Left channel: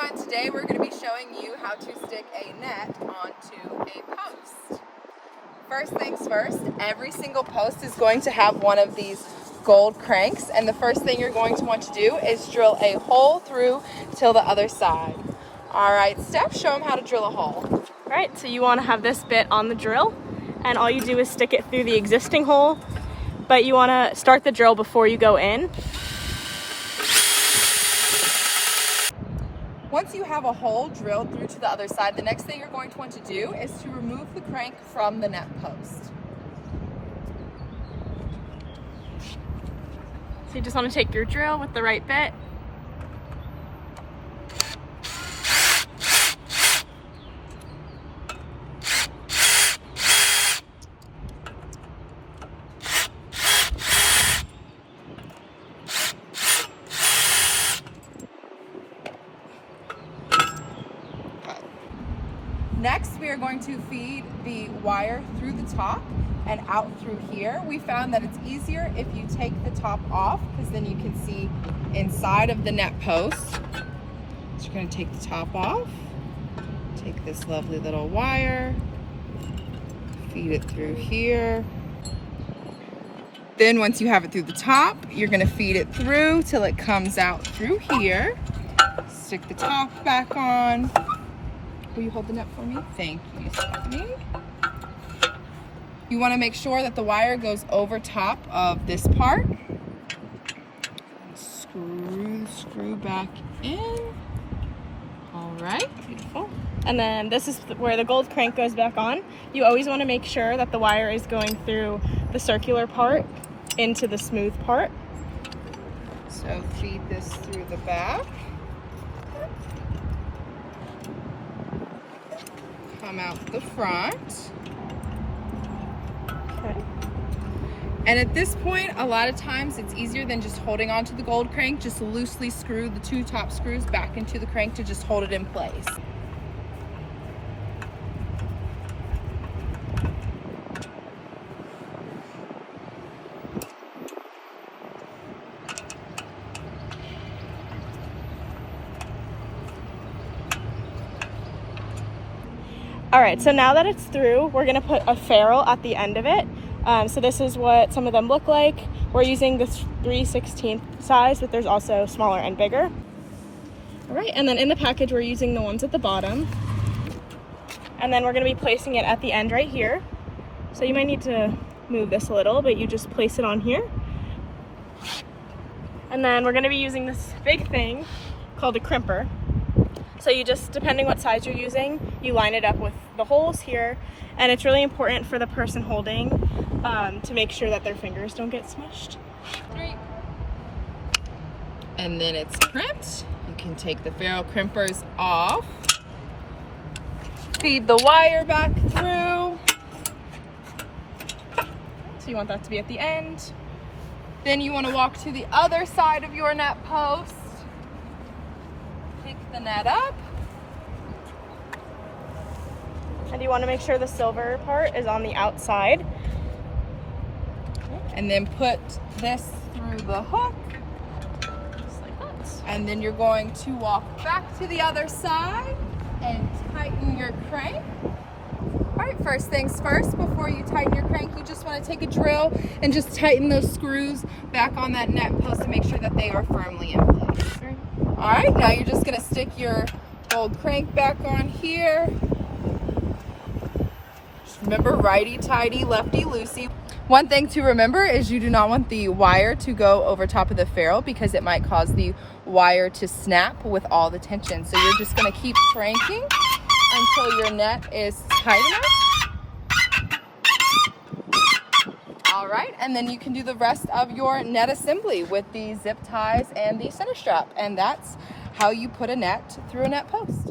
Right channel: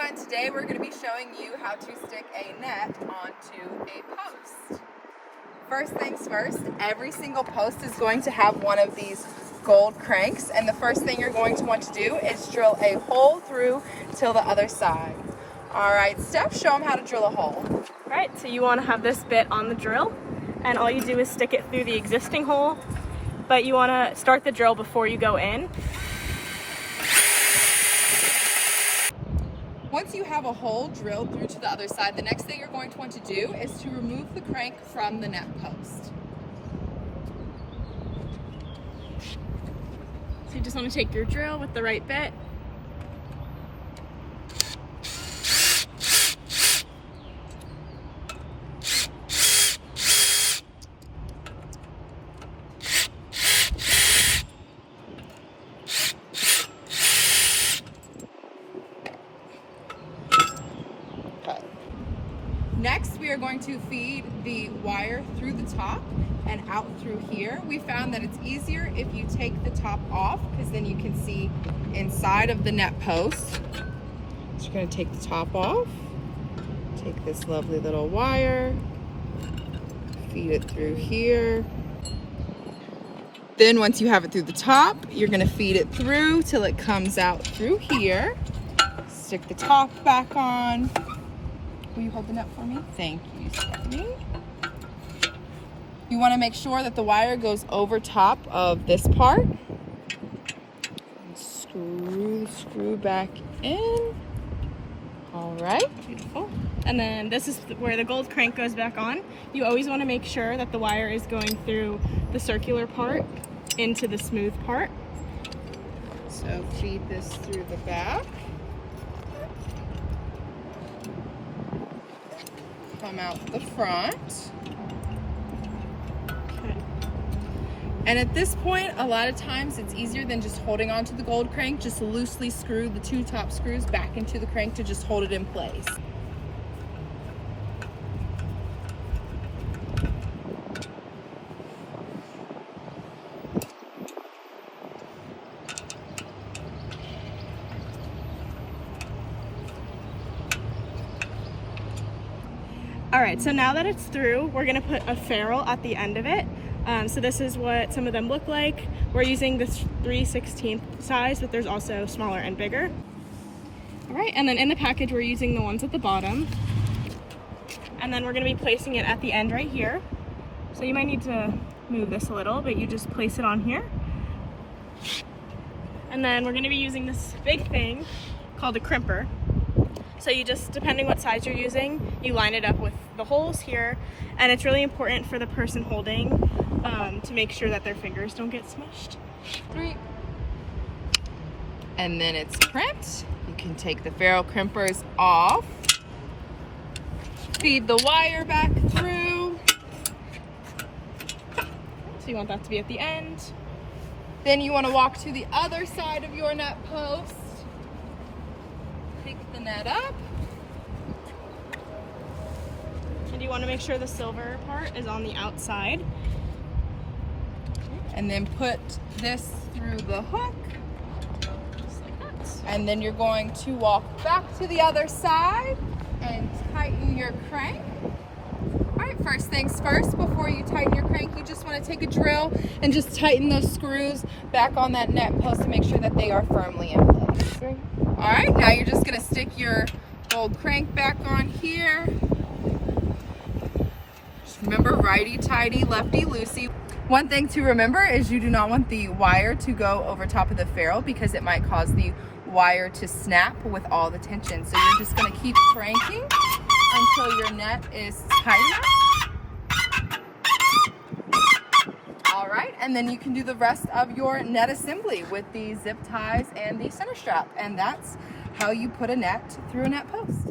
everyone, today we're going to be showing you how to stick a net onto a post. First things first, every single post is going to have one of these gold cranks, and the first thing you're going to want to do is drill a hole through till the other side. Alright, Steph, show them how to drill a hole. Alright, so you want to have this bit on the drill, and all you do is stick it through the existing hole, but you want to start the drill before you go in. Once you have a hole drilled through to the other side, the next thing you're going to want to do is to remove the crank from the net post. So you just want to take your drill with the right bit. Next, we are going to feed the wire through the top and out through here. We found that it's easier if you take the top off, because then you can see inside of the net post. So you're going to take the top off, take this lovely little wire, feed it through here. Then once you have it through the top, you're going to feed it through till it comes out through here. Stick the top back on. Will you hold the net for me? Thank you, Stephanie. You want to make sure that the wire goes over top of this part. And screw the screw back in. All right, beautiful. And then this is where the gold crank goes back on. You always want to make sure that the wire is going through the circular part into the smooth part. So feed this through the back. Come out the front. Okay. And at this point, a lot of times it's easier than just holding onto the gold crank. Just loosely screw the two top screws back into the crank to just hold it in place. All right, so now that it's through, we're gonna put a ferrule at the end of it. So this is what some of them look like. We're using this 3/16 size, but there's also smaller and bigger. All right, and then in the package, we're using the ones at the bottom. And then we're gonna be placing it at the end right here. So you might need to move this a little, but you just place it on here. And then we're gonna be using this big thing called a crimper. So you just, depending what size you're using, you line it up with the holes here, and it's really important for the person holding to make sure that their fingers don't get smushed. 3. And then it's crimped. You can take the ferrule crimpers off. Feed the wire back through. So you want that to be at the end. Then you want to walk to the other side of your net post. Pick the net up. And you want to make sure the silver part is on the outside. And then put this through the hook. And then you're going to walk back to the other side and tighten your crank. All right, first things first, before you tighten your crank, you just want to take a drill and just tighten those screws back on that net post to make sure that they are firmly in place. All right, now you're just gonna stick your gold crank back on here. Just remember, righty-tighty, lefty-loosey. One thing to remember is you do not want the wire to go over top of the ferrule, because it might cause the wire to snap with all the tension. So you're just gonna keep cranking until your net is tight enough. All right, and then you can do the rest of your net assembly with the zip ties and the center strap. And that's how you put a net through a net post.